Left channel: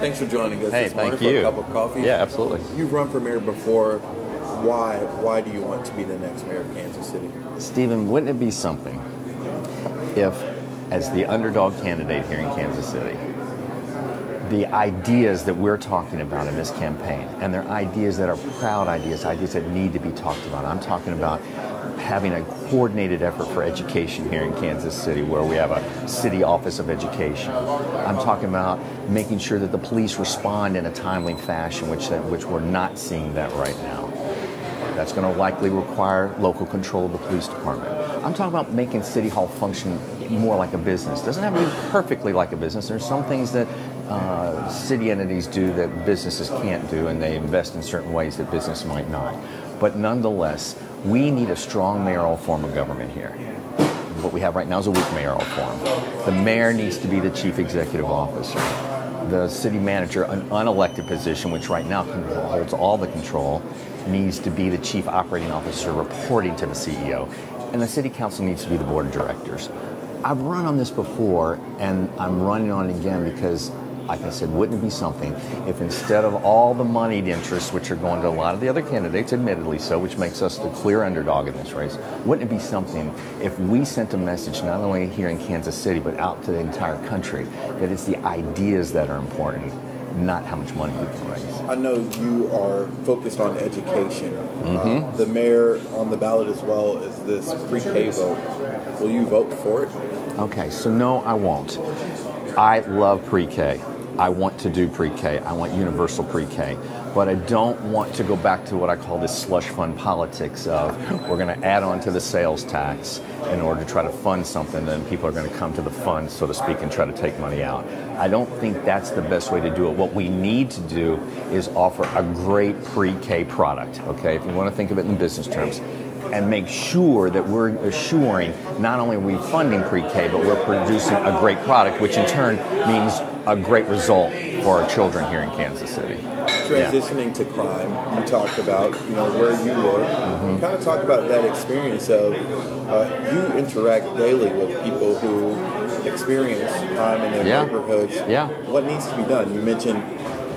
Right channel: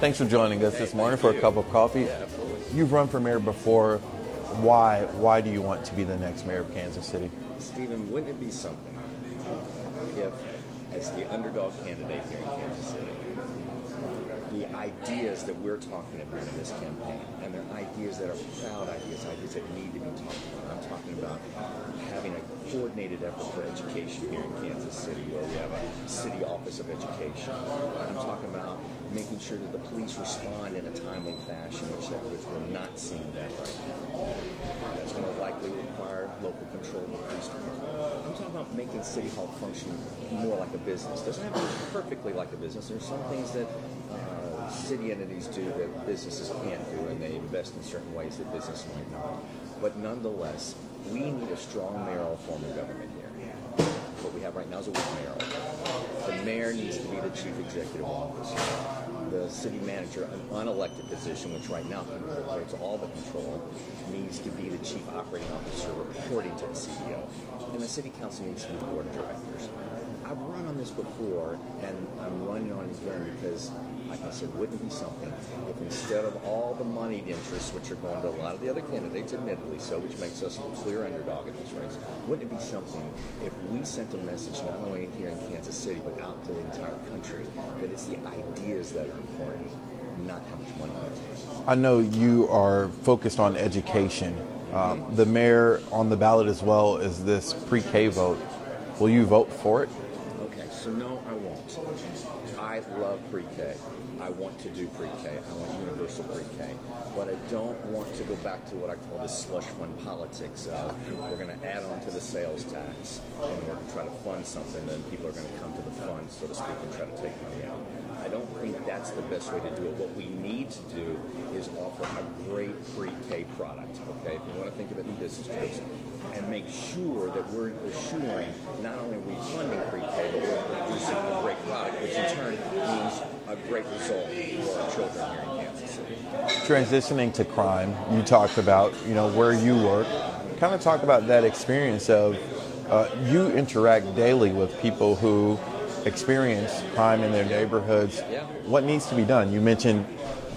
Thanks for joining us this morning for a cup of coffee. Yeah, absolutely. You've run for mayor before. Why do you want to be the next mayor of Kansas City? Stephen, wouldn't it be something if, as the underdog candidate here in Kansas City, the ideas that we're talking about in this campaign, and they're ideas that are proud ideas, ideas that need to be talked about. I'm talking about having a coordinated effort for education here in Kansas City, where we have a city office of education. I'm talking about making sure that the police respond in a timely fashion, which we're not seeing that right now. That's going to likely require local control of the police department. I'm talking about making City Hall function more like a business. It doesn't have to be perfectly like a business. There's some things that city entities do that businesses can't do, and they invest in certain ways that business might not. But nonetheless, we need a strong mayoral form of government here. What we have right now is a weak mayoral form. The mayor needs to be the chief executive officer. The city manager, an unelected position, which right now holds all the control, needs to be the chief operating officer reporting to the CEO. And the city council needs to be the board of directors. I've run on this before, and I'm running on it again because, like I said, wouldn't it be something if instead of all the moneyed interests, which are going to a lot of the other candidates, admittedly so, which makes us the clear underdog in this race, wouldn't it be something if we sent a message not only here in Kansas City, but out to the entire country, that it's the ideas that are important, not how much money we can raise? I know you are focused on education. The mayor on the ballot as well is this pre-K vote. Will you vote for it? Okay, so no, I won't. I love pre-K. I want to do pre-K. I want universal pre-K. But I don't want to go back to what I call this slush fund politics of we're going to add on to the sales tax in order to try to fund something, then people are going to come to the fund, so to speak, and try to take money out. I don't think that's the best way to do it. What we need to do is offer a great pre-K product, okay, if you want to think of it in business terms, and make sure that we're assuring not only are we funding pre-K, but we're producing a great product, which in turn means a great result for our children here in Kansas City. Transitioning to crime, you talked about, where you work. Kind of talk about that experience of you interact daily with people who experience crime in their neighborhoods. What needs to be done? You mentioned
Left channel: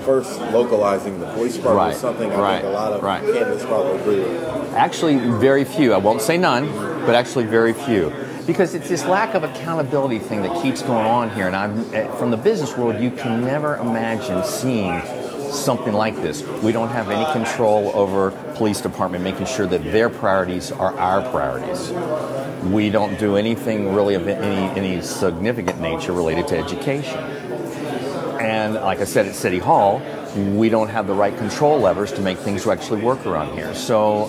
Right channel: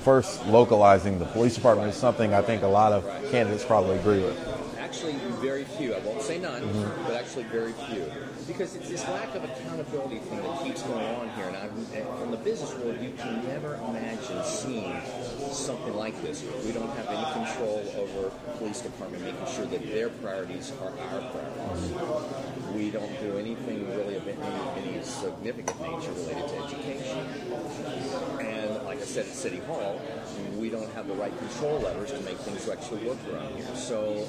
first localizing the police department is something I think a lot of candidates probably agree with. Actually, very few. I won't say none, but actually very few. Because it's this lack of accountability thing that keeps going on here. And from the business world, you can never imagine seeing something like this. We don't have any control over police department making sure that their priorities are our priorities. We don't do anything really of any significant nature related to education. And like I said, at City Hall, we don't have the right control levers to make things actually work around here. So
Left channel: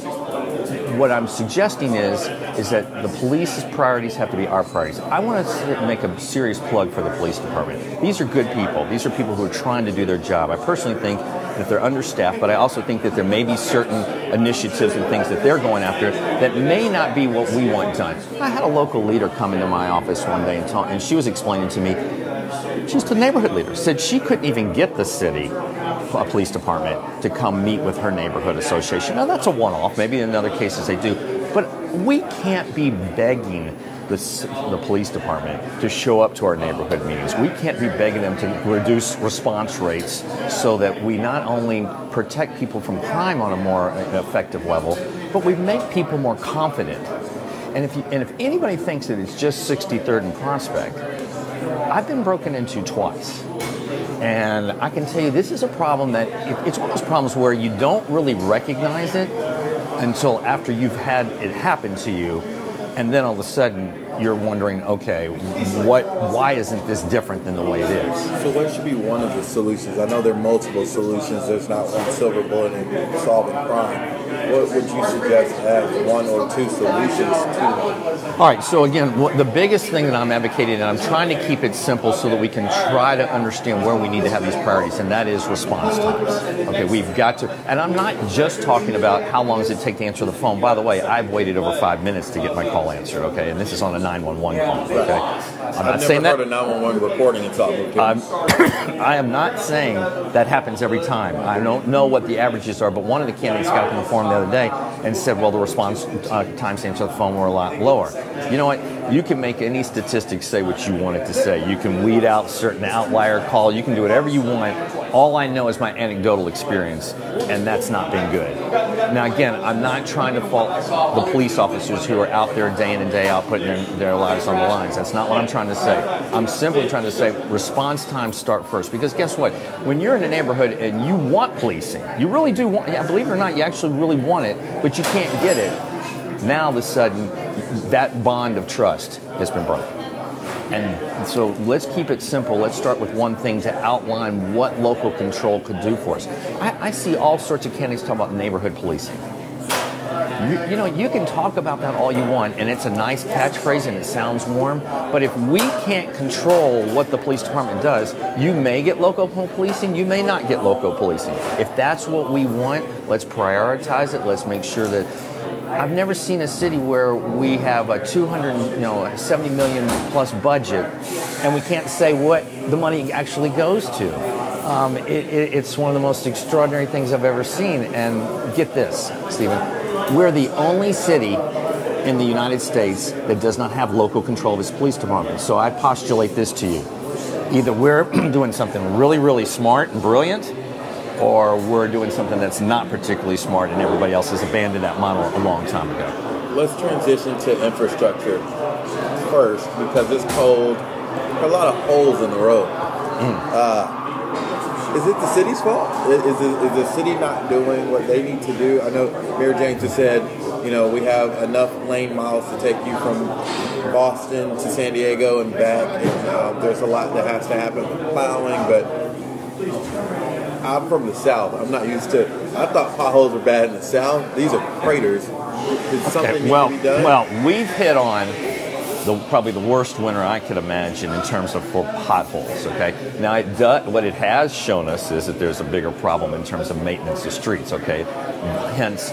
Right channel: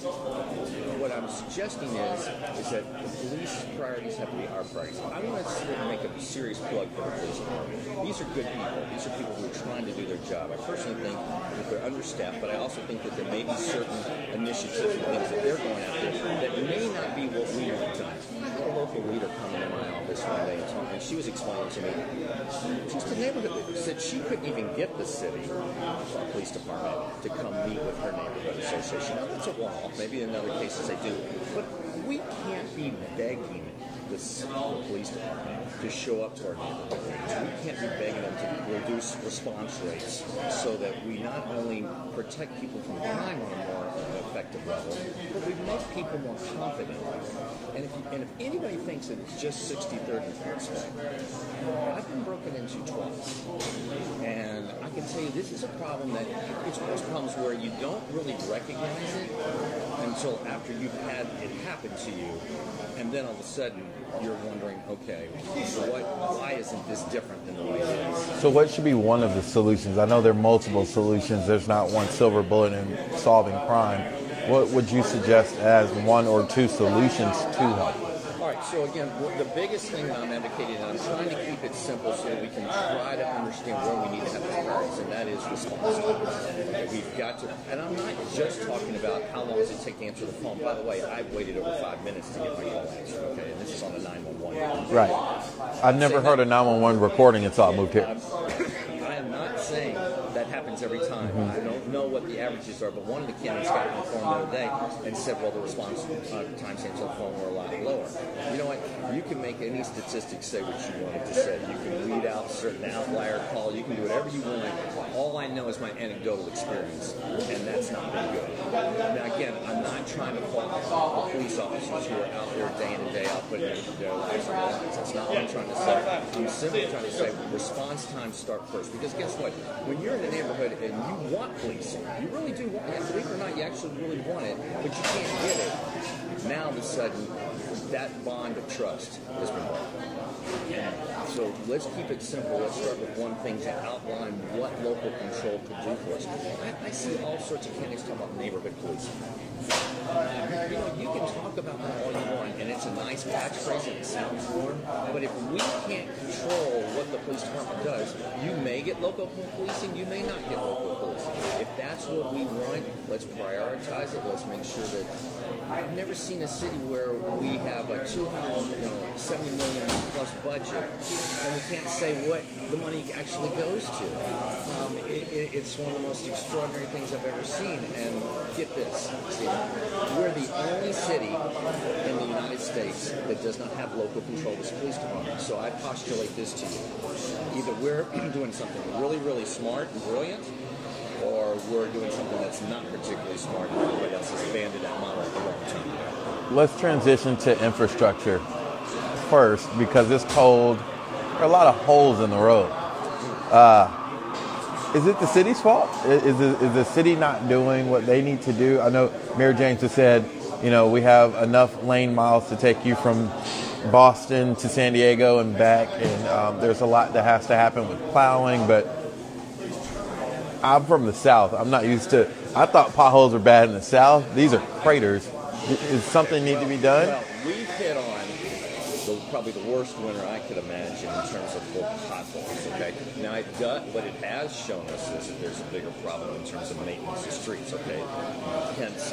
what I'm suggesting is that the police's priorities have to be our priorities. I want to make a serious plug for the police department. These are good people. These are people who are trying to do their job. I personally think that they're understaffed, but I also think that there may be certain initiatives and things that they're going after that may not be what we want done. I had a local leader come into my office one day and she was explaining to me, she's the neighborhood leader, said she couldn't even get the city police department to come meet with her neighborhood association. Now that's a one-off, maybe in other cases they do, but we can't be begging the police department to show up to our neighborhood meetings. We can't be begging them to reduce response rates so that we not only protect people from crime on a more effective level, but we make people more confident. And if anybody thinks that it's just 63rd and Prospect, I've been broken into twice. And I can tell you this is a problem that, it's one of those problems where you don't really recognize it until after you've had it happen to you. And then all of a sudden you're wondering, okay, why isn't this different than the way it is? So what should be one of the solutions? I know there are multiple solutions. There's not one silver bullet in solving crime. What would you suggest as one or two solutions to help? All right, so again, the biggest thing that I'm advocating, and I'm trying to keep it simple so that we can try to understand where we need to have these priorities, and that is response times. Okay, we've got to, and I'm not just talking about how long does it take to answer the phone. By the way, I've waited over 5 minutes to get my call answered, okay, and this is on a 911 call, okay? I've never heard of 911 reporting until I moved here. I am not saying that happens every time. I don't know what the averages are, but one of the candidates got to inform the other day and said, well, the response timestamps on the phone were a lot lower. You know what? You can make any statistics say what you want it to say. You can weed out certain outlier call. You can do whatever you want. All I know is my anecdotal experience, and that's not been good. Now, again, I'm not trying to fault the police officers who are out there day in and day out putting their lives on the lines. That's not what I'm trying to say. I'm simply trying to say response times start first. Because guess what? When you're in a neighborhood and you want policing, you really do want, yeah, believe it or not, you actually really want it, but you can't get it. Now, all of a sudden, that bond of trust has been broken. And so let's keep it simple. Let's start with one thing to outline what local control could do for us. I see all sorts of candidates talk about neighborhood policing. You know, you can talk about that all you want, and it's a nice catchphrase and it sounds warm, but if we can't control what the police department does, you may get local policing, you may not get local policing. If that's what we want, let's prioritize it. Let's make sure that I've never seen a city where we have a 270 million plus budget and we can't say what the money actually goes to. It's one of the most extraordinary things I've ever seen. And get this, Stephen, we're the only city in the United States that does not have local control of its police department. So I postulate this to you. Either we're doing something really, really smart and brilliant, or we're doing something that's not particularly smart and everybody else has abandoned that model a long time ago. Let's transition to infrastructure first, because it's cold. There are a lot of holes in the road. Is it the city's fault? Is the city not doing what they need to do? I know Mayor James has said, you know, we have enough lane miles to take you from Boston to San Diego and back. And, there's a lot that has to happen with plowing, but I'm from the South. I'm not used to. I thought potholes were bad in the South. These are craters. Is something need to be done? Well, we've hit on probably the worst winter I could imagine in terms of for potholes. Okay. Now, what it has shown us is that there's a bigger problem in terms of maintenance of streets. Okay. Hence.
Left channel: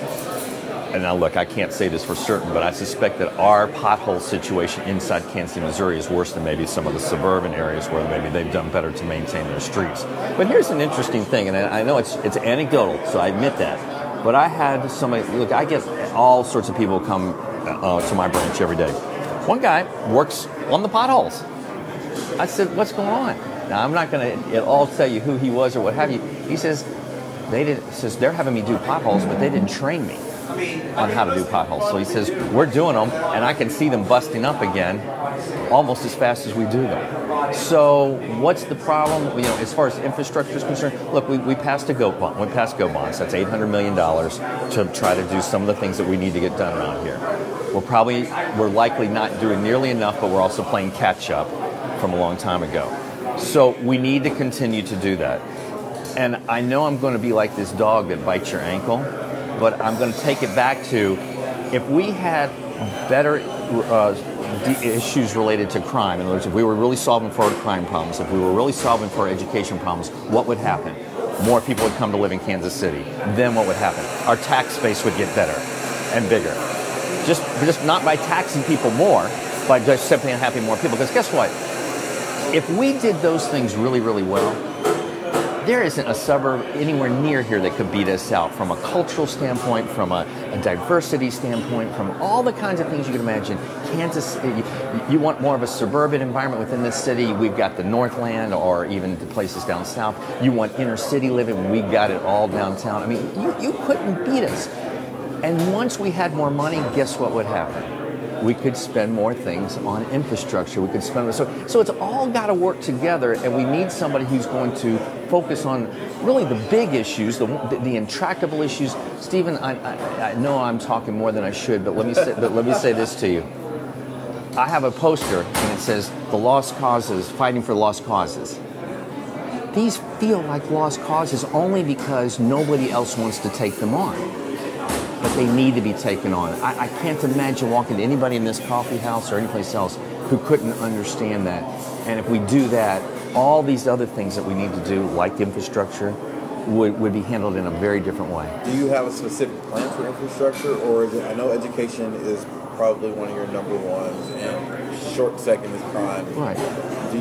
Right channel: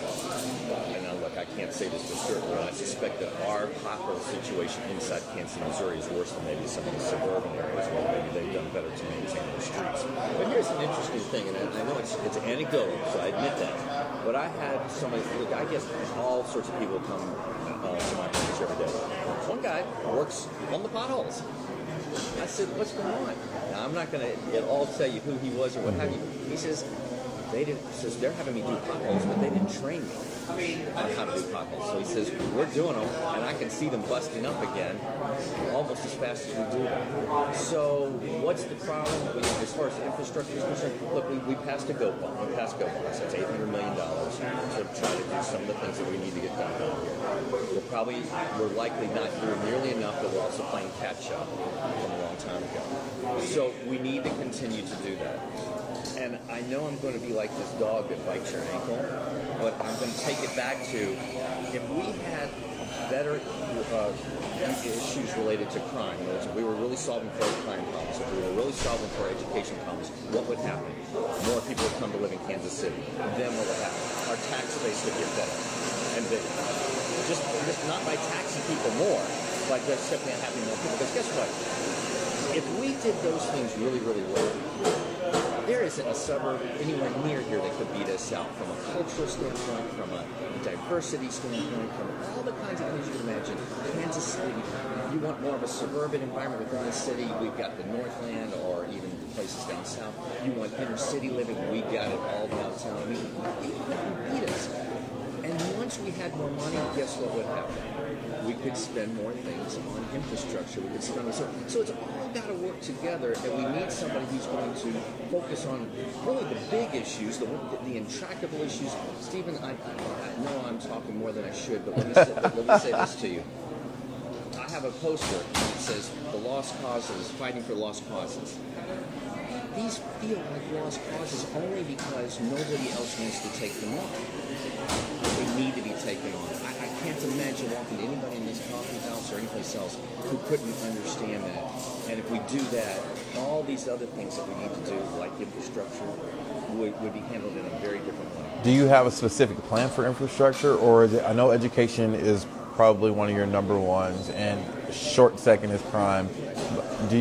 And now, look, I can't say this for certain, but I suspect that our pothole situation inside Kansas City, Missouri is worse than maybe some of the suburban areas where maybe they've done better to maintain their streets. But here's an interesting thing, and I know it's anecdotal, so I admit that. But I had somebody, look, I get all sorts of people come to my branch every day. One guy works on the potholes. I said, what's going on? Now, I'm not going to at all tell you who he was or what have you. He says, they're having me do potholes, but they didn't train me on how to do potholes. So he says, we're doing them, and I can see them busting up again almost as fast as we do them. So what's the problem? You know, as far as infrastructure is concerned, look, we passed a GO bond. We passed GO bonds. That's $800 million to try to do some of the things that we need to get done around here. We're likely not doing nearly enough, but we're also playing catch up from a long time ago. So we need to continue to do that. And I know I'm going to be like this dog that bites your ankle, but I'm going to take it back to, if we had better issues related to crime, in other words, if we were really solving for our crime problems, if we were really solving for our education problems, what would happen? More people would come to live in Kansas City. Then what would happen? Our tax base would get better and bigger. Just not by taxing people more, by just simply having more people. Because guess what? If we did those things really, really well, there isn't a suburb anywhere near here that could beat us out from a cultural standpoint, from a diversity standpoint, from all the kinds of things you can imagine. Kansas City, you want more of a suburban environment within this city, we've got the Northland or even the places down south. You want inner city living, we got it all downtown. I mean, you couldn't beat us. And once we had more money, guess what would happen? We could spend more things on infrastructure. We could spend so it's all got to work together, and we need somebody who's going to focus on really the big issues, the intractable issues. Stephen, I know I'm talking more than I should, but let me say this to you. I have a poster, and it says "The Lost Causes, Fighting for Lost Causes." These feel like lost causes only because nobody else wants to take them on. But they need to be taken on. I can't imagine walking to anybody in this coffee house or anyplace else who couldn't understand that. And if we do that, all these other things that we need to do, like infrastructure, would be handled in a very different way. Do you have a specific plan for infrastructure, or is it? I know education is probably one of your number ones, and short second is crime. Right. Do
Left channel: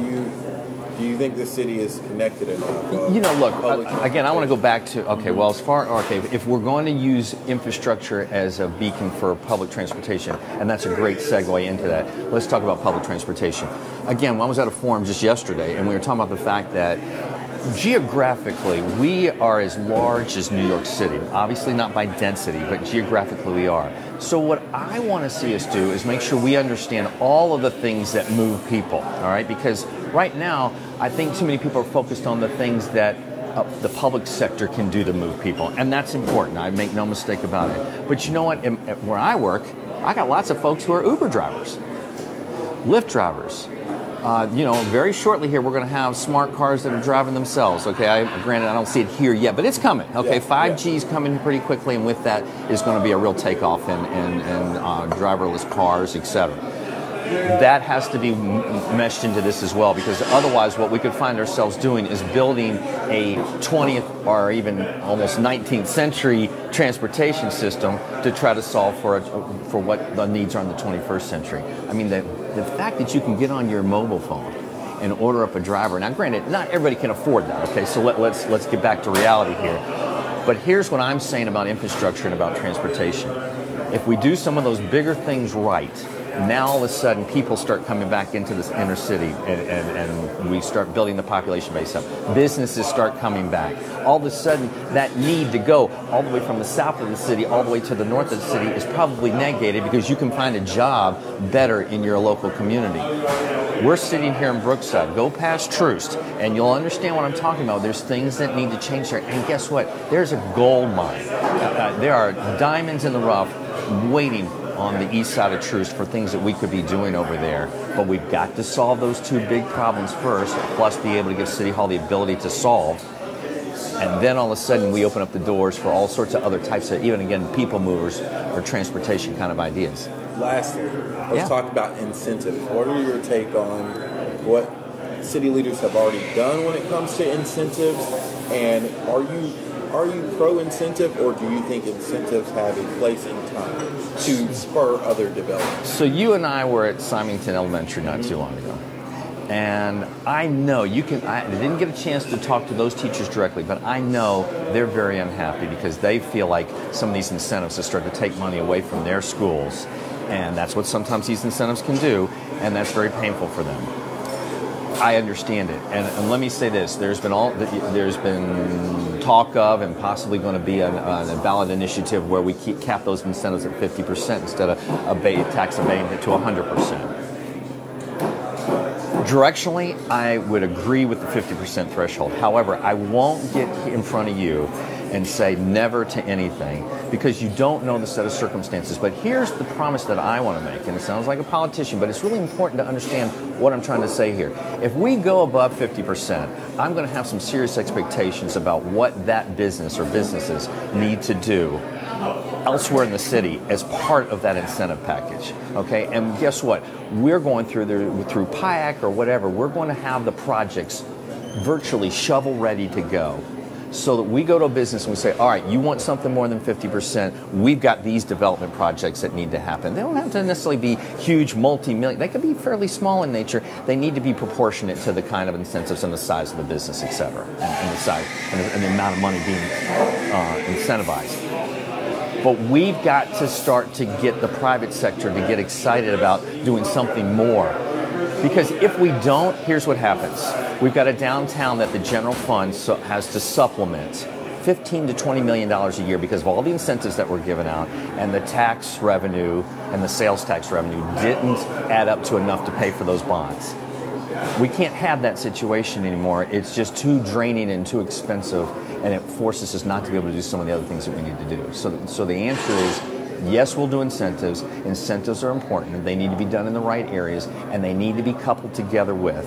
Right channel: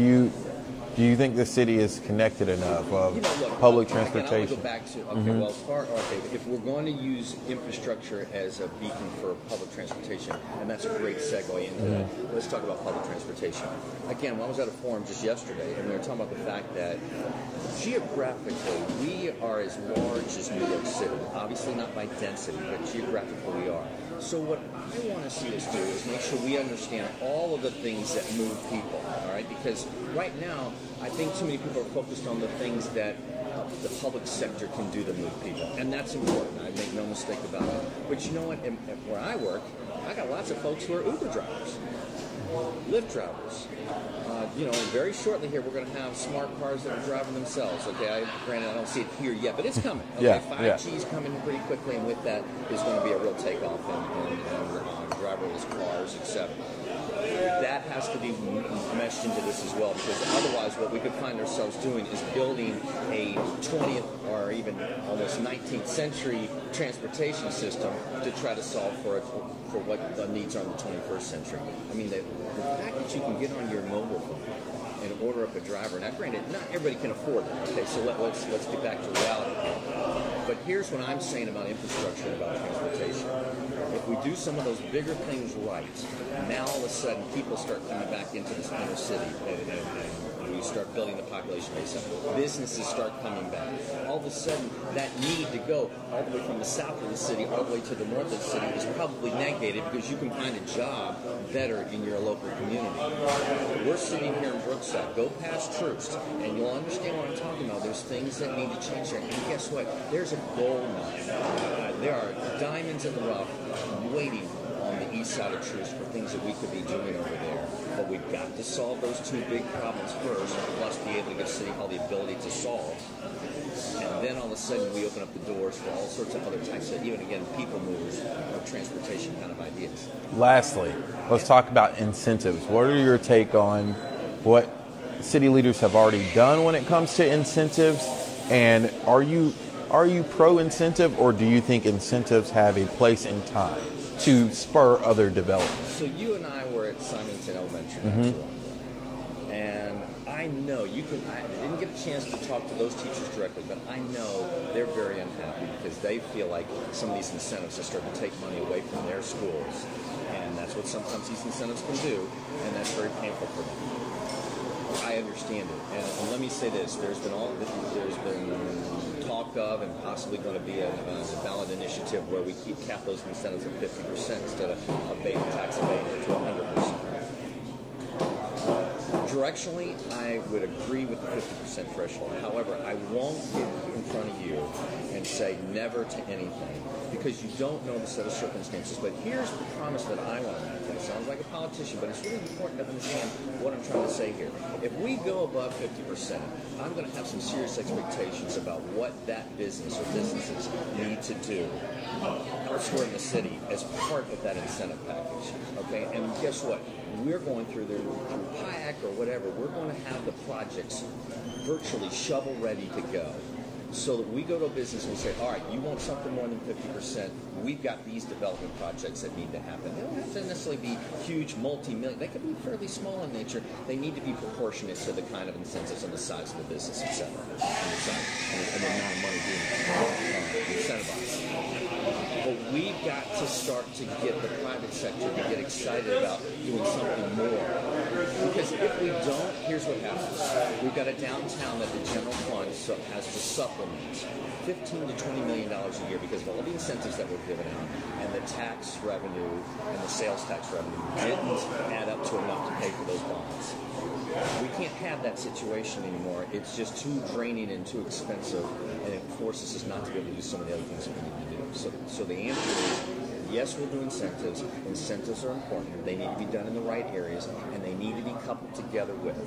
Do you think the city is connected enough? You know, look, public again, I want to go back to, okay, Mm-hmm. well, if we're going to use infrastructure as a beacon for public transportation, and that's a great segue into that, let's talk about public transportation. Again, I was at a forum just yesterday, and we were talking about the fact that geographically, we are as large as New York City. Obviously not by density, but geographically we are. So what I want to see us do is make sure we understand all of the things that move people, all right? Because right now, I think too many people are focused on the things that the public sector can do to move people, and that's important. I make no mistake about it. But you know what? Where I work, I got lots of folks who are Uber drivers, Lyft drivers. You know, very shortly here, we're going to have smart cars that are driving themselves. Okay, granted, I don't see it here yet, but it's coming. Okay, Yeah, 5G is coming pretty quickly, and with that is going to be a real takeoff in driverless cars, etc. That has to be meshed into this as well, because otherwise what we could find ourselves doing is building a 20th or even almost 19th century transportation system to try to solve for what the needs are in the 21st century. I mean, the fact that you can get on your mobile phone and order up a driver. Now, granted, not everybody can afford that, okay? So let's get back to reality here. But here's what I'm saying about infrastructure and about transportation. If we do some of those bigger things right, now all of a sudden people start coming back into this inner city and we start building the population base up. Businesses start coming back. All of a sudden that need to go all the way from the south of the city all the way to the north of the city is probably negated because you can find a job better in your local community. We're sitting here in Brookside. Go past Troost and you'll understand what I'm talking about. There's things that need to change there. And guess what? There's a gold mine. There are diamonds in the rough waiting on the east side of Troost for things that we could be doing over there. But we've got to solve those two big problems first, plus be able to give City Hall the ability to solve. And then all of a sudden we open up the doors for all sorts of other types of, even again, people movers or transportation kind of ideas. Lastly, let's talk about incentives. What are your take on what city leaders have already done when it comes to incentives? And are you pro-incentive, or do you think incentives have a place in time to spur other development? So you and I were at Symington Elementary not too long ago. And I know I didn't get a chance to talk to those teachers directly, but I know they're very unhappy because they feel like some of these incentives have started to take money away from their schools. And that's what sometimes these incentives can do, and that's very painful for them. I understand it, and let me say this: there's been talk of, and possibly going to be a ballot initiative where we cap those incentives at 50% instead of tax abatement to 100%. Directionally, I would agree with the 50% threshold. However, I won't get in front of you and say never to anything because you don't know the set of circumstances. But here's the promise that I want to make, and it sounds like a politician, but it's really important to understand what I'm trying to say here. If we go above 50%, I'm going to have some serious expectations about what that business or businesses need to do elsewhere in the city as part of that incentive package, okay? And guess what? We're going through PIAC or whatever, we're going to have the projects virtually shovel ready to go so that we go to a business and we say, all right, you want something more than 50%, we've got these development projects that need to happen. They don't have to necessarily be huge, multi-million. They could be fairly small in nature. They need to be proportionate to the kind of incentives and the size of the business, et cetera, and the size and the amount of money being incentivized. But we've got to start to get the private sector to get excited about doing something more. Because if we don't, here's what happens. We've got a downtown that the general fund has to supplement $15 to $20 million a year because of all the incentives that were given out, and the tax revenue and the sales tax revenue didn't add up to enough to pay for those bonds. We can't have that situation anymore. It's just too draining and too expensive, and it forces us not to be able to do some of the other things that we need to do. So the answer is, yes, we'll do incentives. Incentives are important, and they need to be done in the right areas, and they need to be coupled together with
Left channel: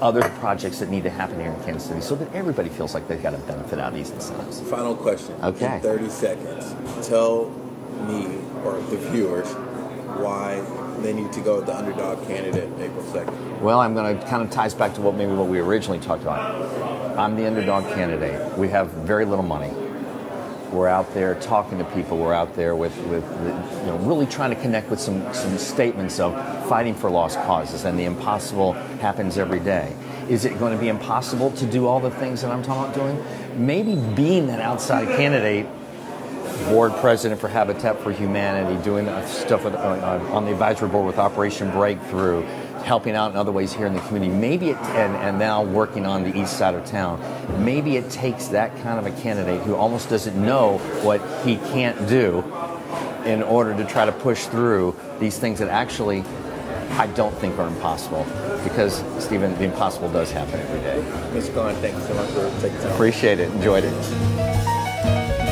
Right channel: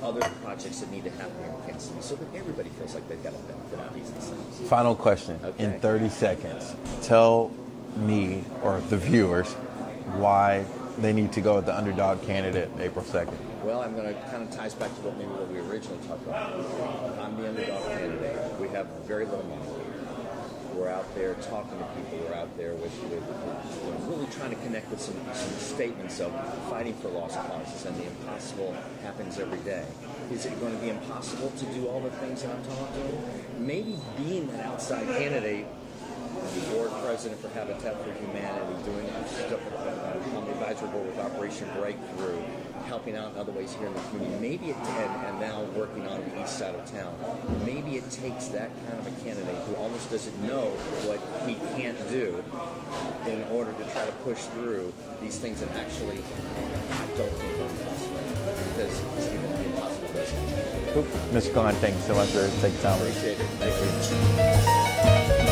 other projects that need to happen here in Kansas City so that everybody feels like they've got a benefit out of these incentives. Final question. Okay. In 30 seconds. Tell me, or the viewers, why they need to go with the underdog candidate April 2nd. Well, I'm going to kind of ties back to what we originally talked about. I'm the underdog candidate. We have very little money. We're out there talking to people. We're out there with really trying to connect with some statements of fighting for lost causes, and the impossible happens every day. Is it going to be impossible to do all the things that I'm talking about doing? Maybe being that outside candidate, board president for Habitat for Humanity, doing stuff on the advisory board with Operation Breakthrough, helping out in other ways here in the community. Maybe and now working on the east side of town. Maybe it takes that kind of a candidate who almost doesn't know what he can't do in order to try to push through these things that actually I don't think are impossible. Because, Stephen, the impossible does happen every day. Mr. Klein, thank you so much for taking time. Appreciate it. Enjoyed it.